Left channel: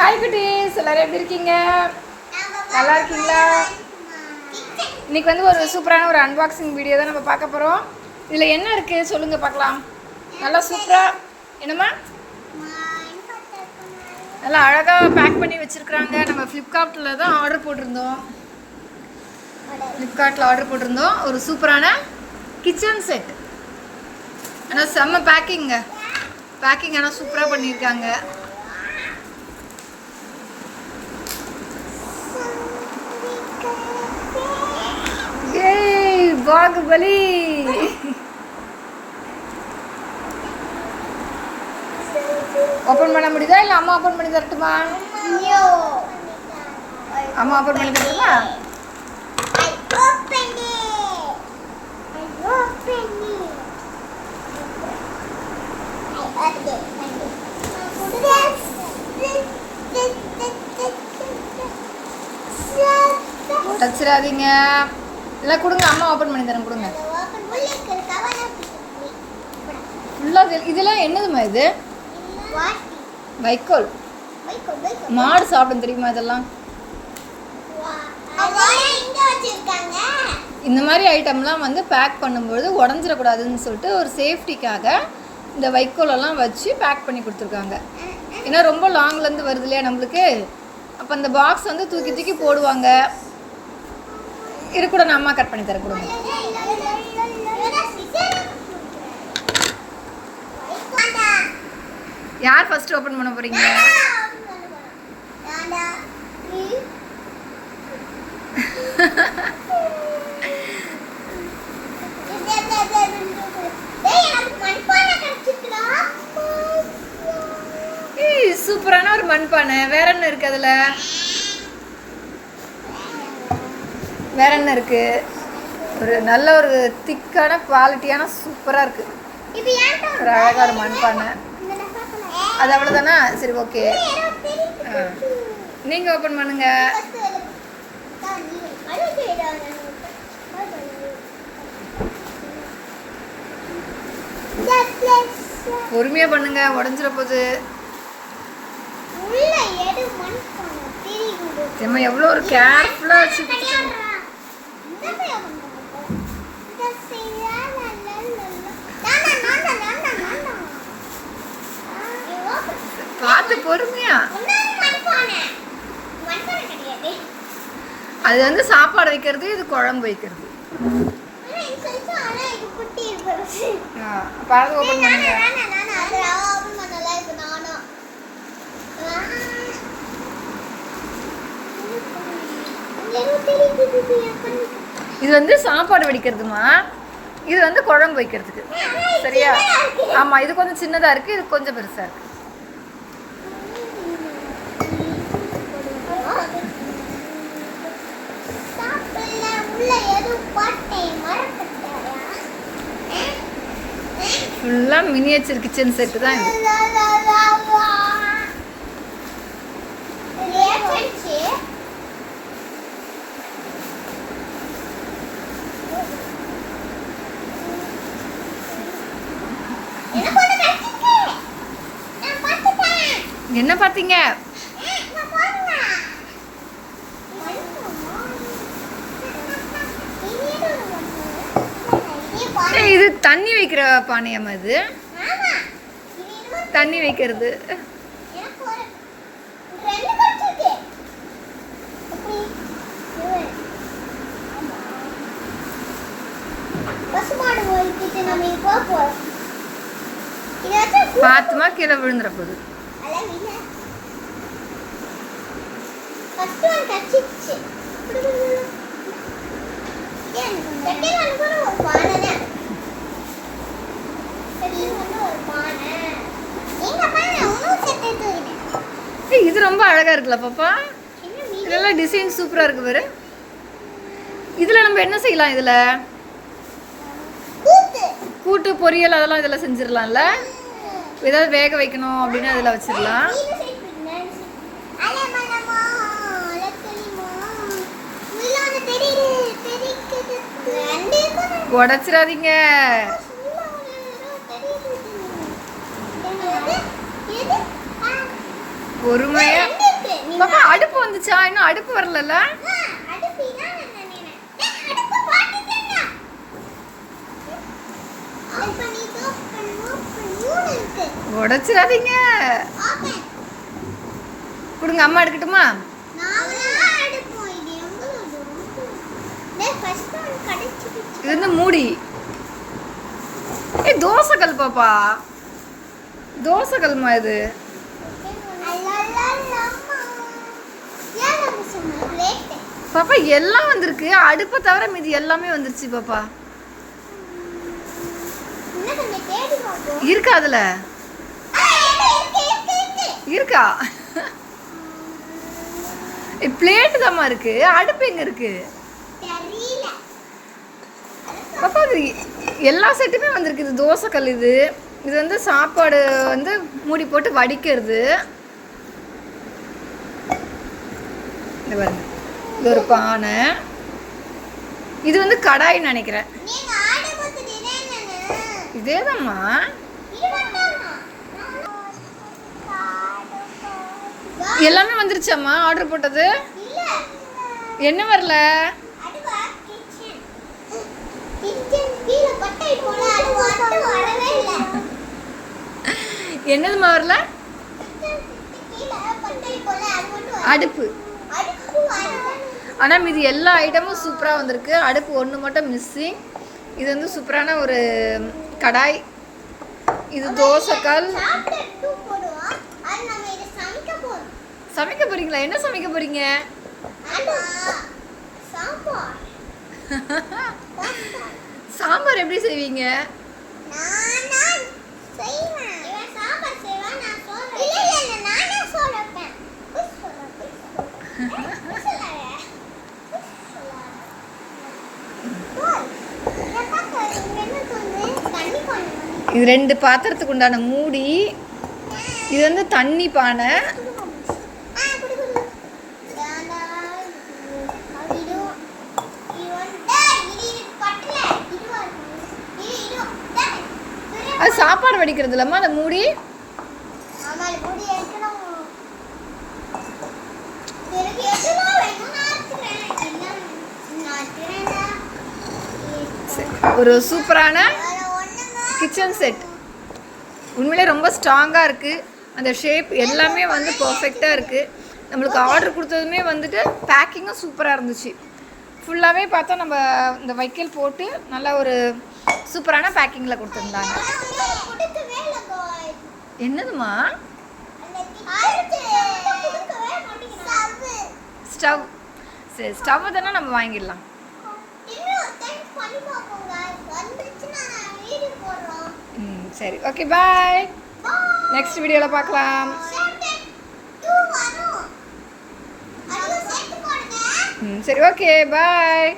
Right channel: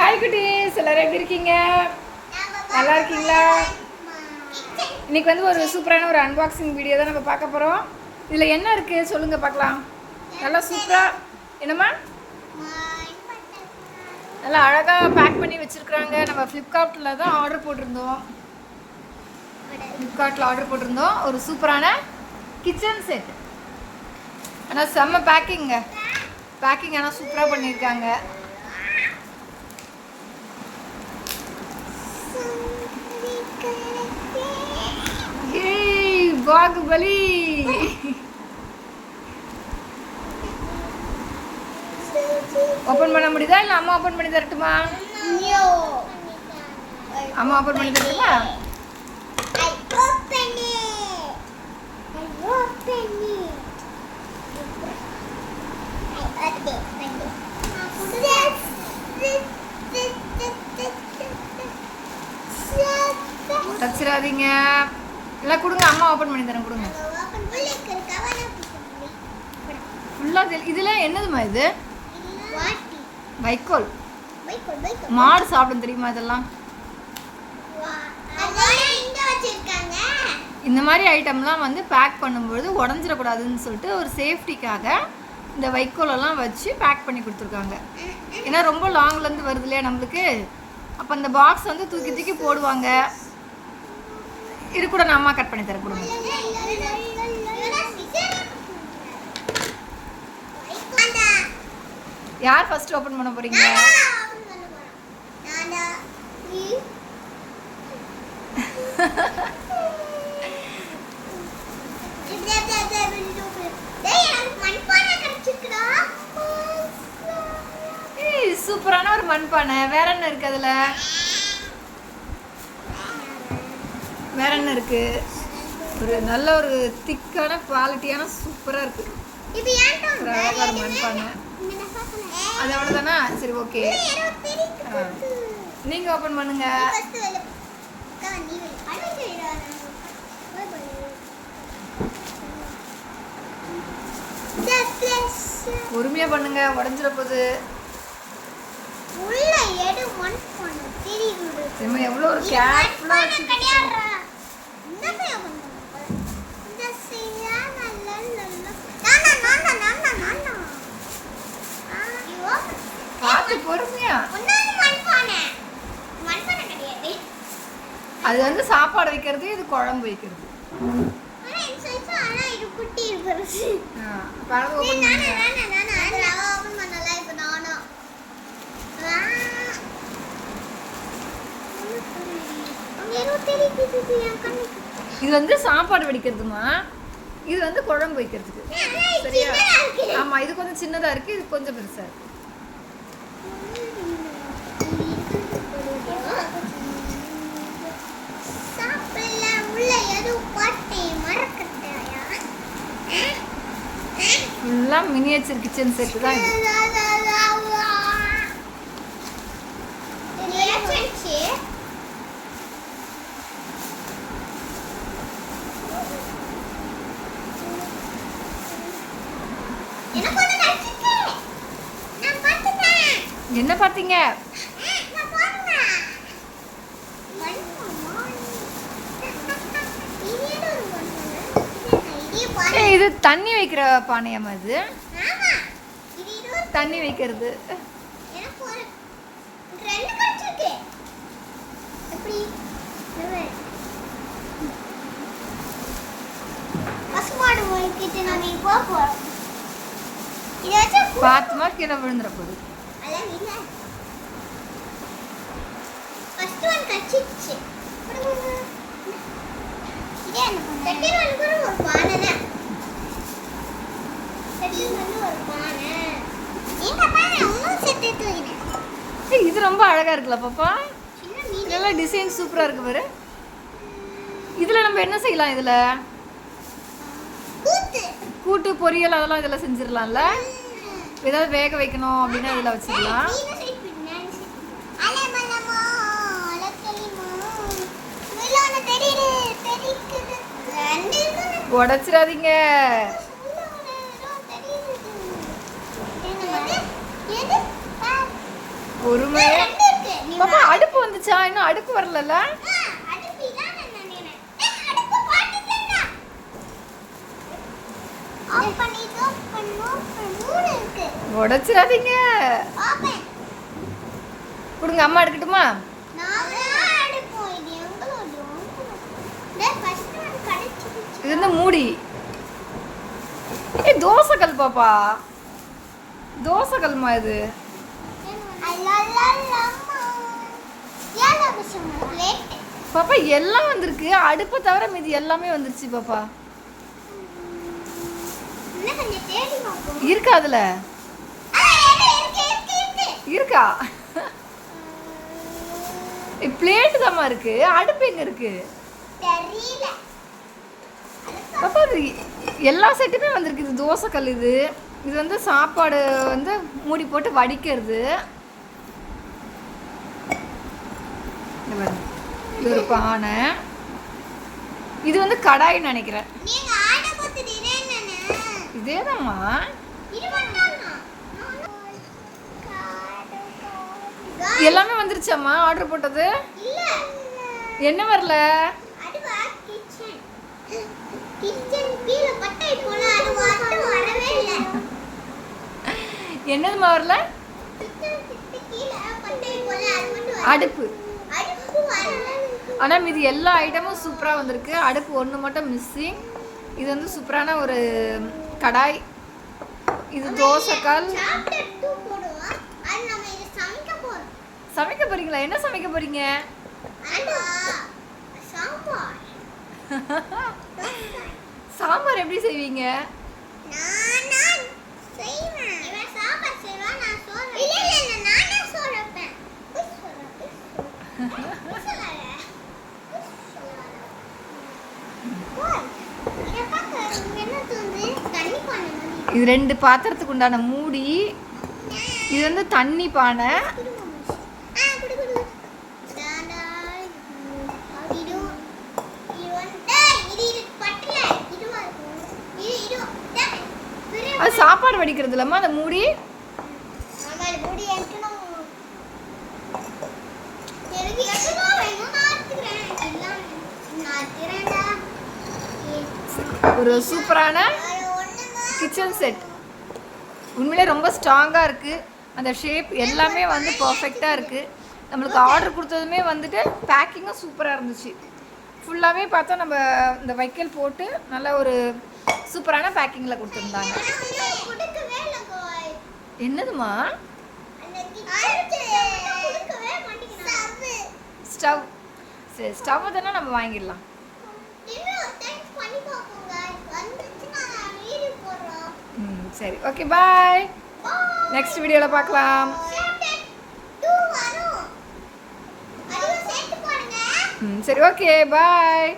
Hi குட்டீஸ், எல்லாரும் எப்படி இருக்கீங்க? நல்லா இருக்கீங்களா? இன்னைக்கு வந்து ஒரு சூப்பரான ஒரு அன்பாக்சிங் வீடியோ தான் நம்ம பார்க்க போகிறோம். இதில் என்ன இருக்குது சொல்லுங்கள் பார்க்கலாம். நல்லா சூப்பராக என்னம்மா நல்லா அழகாக பேக் பண்ணி வச்சுருக்குறாங்க. நம்ம ஃப்ளிப்கார்ட்டில் தான் ஆர்டர் போட்டிருந்தோம். ஒரு சூப்பரான கிச்சன் செட். ஆனால் செம்ம பேக்கிங் ஆனால் சூப்பராக பண்ணியிருக்காங்க. பாகுபலி ஓபன் பண்ண முடியுதா இல்ல அம்மா ஓபன் பண்ணி தரட்டுமா? அம்மா ஓபன் பண்ணி தரட்டுமா? உடச்சிடாதீங்க. இல்லை கொடுங்க, அம்மா ஓப்பன் பண்ணி தரேன், கொடுங்க. ஃபுல்லாக இதில் என்னதுமா இது? வைக்கோல். மாடு சாப்பிடும் தெரியுமா இதெல்லாம்? இந்த மாதிரி ஐட்டம்லாம் வந்து பேக் பண்ணும்பொழுது உடஞ்சிடக்கூடாதுன்னு சொல்லிட்டு ஒரு சேஃப்டிக்காக இந்த வைக்கோலெல்லாம் வச்சு பேக் பண்ணி கொடுத்துருக்காங்க. ஏன்னா ரொம்ப லாங்லேருந்து வருது இல்லையா நம்மளுக்கு, அப்போ இந்த பாக்ஸ் வந்து தூக்கி தூக்கி போடுவாங்க. இது கூட நான் அம்மா கட் பண்ணி தரேன், கொடுங்க. யார் ஃபர்ஸ்ட் ஓபன் பண்ண போறீங்க? சூப்பரான ஒரு மண்பானை. வேற என்ன இருக்கு அதுல? வேற என்ன இருக்கு? ஒரு நல்ல ஒரு திக்கான குவாலிட்டியான சூப்பரா இருக்கு. ஒரு அழகா ஒரு மண்பானை. அது அவ்வளவுதானா? சரி, ஓகே. நீங்க ஓபன் பண்ணுங்க. பொறுமையா பண்ணுங்க, உடஞ்சிட போகுது. நம்ம எவ்வளோ ஒரு கேர்ஃபுல்லா வச்சுக்கிட்டு. பார்த்து பொறுமையா. அது வந்து சாப்பாடு வைக்கிறது, இது குழம்பு வைக்கிறது. இது வந்து சாப்பாடு வடிக்கிறதுமா, இது வந்து குழம்பு வைக்கிறதுக்கு. சரியா? ஆமா, இது கொஞ்சம் சின்னதா இருக்கு, இது கொஞ்சம் பெருசா இருக்கு. ஃபுல்லா மினியேச்சர் கிச்சன் செட் தான் இது. என்ன பார்த்தீங்க? இது தண்ணி வைக்கிற பானையம்மா. இது தண்ணி வைக்கிறது. பாத்துமா கீழே விழுந்துற போகுது. இது ரொம்ப அழகா இருக்குல்ல பாப்பா? இதெல்லாம் டிசைன் சூப்பரா இருக்கு பாரு. இதுல நம்ம என்ன செய்யலாம்? இதுல கூட்டு பொரியல் அதெல்லாம் இதுல செஞ்சிடலாம்ல. ஏதாவது வேக வைக்கணும் அப்படின்னா இதுல வச்சிடலாம். உடச்சிடாதீங்க. பொறுமையா பாப்பா அடுப்பு வந்துச்சா? இன்னும் அடுப்பு வரலல்ல? உடைச்சிடாதீங்க. கொடுங்க, அம்மா எடுக்கட்டுமா? இது வந்து மூடி. தோசைக்கல் பாப்பா, தோசைக்கல்மா இது. பாப்பா எல்லாம் வந்திருக்கு, அடுப்பை தவிர மீதி எல்லாமே வந்துருச்சு பாப்பா. இருக்கா அதுல? இருக்கா? பிளேட் தாம்மா இருக்கு, அடுப்பு எங்க இருக்கு பாப்பா? அது எல்லா செட்டுமே வந்திருக்கு. இது தோசைக்கல், இது வந்து சாப்பாடு வந்து மூடி போட்டு வடிக்கிறது. இது பாருங்க, இது ஒரு பானை. இது வந்து கடாயின்னு நினைக்கிறேன். இதேதாம்மா. எல்லாமே வந்துருச்சாம்மா ஆர்டர் போட்டது? என்ன வரல? என்னதுமா வரல? அடுப்பு. ஆனால் மீதி எல்லா ஐட்டமும் சூப்பராக வந்திருக்கு. அடுப்பு ஒன்று மட்டும் மிஸ்ஸிங். இது வந்து சூப்பரான ஒரு கடாய். இது தோசைக்கல். சமைக்க போறீங்களா? என்ன சமைக்க போறீங்க? சாம்பார் எப்படி செய்வீங்க? இது 2 பாத்திரத்துக்கு உண்டான மூடி. இது வந்து தண்ணி பானை. அது சாப்பாடு வடிக்கிறது இல்லம்மா அந்த மூடி. ஒரு சூப்பரான கிச்சன் செட். உண்மையிலே ரொம்ப ஸ்ட்ராங்காக இருக்குது. அந்த ஷேப் எல்லாமே வந்து பர்ஃபெக்டாக இருக்குது. நம்மளுக்கு ஆர்டர் கொடுத்ததுமே வந்துட்டு பேக்கிங்கும் சூப்பராக இருந்துச்சு. ஃபுல்லாகவே பார்த்தா நம்ம இந்த வைக்கல் போட்டு நல்ல ஒரு சூப்பரான பேக்கிங்கில் கொடுத்துருந்தாங்க. என்னதுமா? ஸ்டவ். சரி, ஸ்டவ் தானே நம்ம வாங்கிடலாம். சரி, ஓகே, பாய். நெக்ஸ்ட் வீடியோவில் பார்க்கலாம். சரி, ஓகே, பாய்.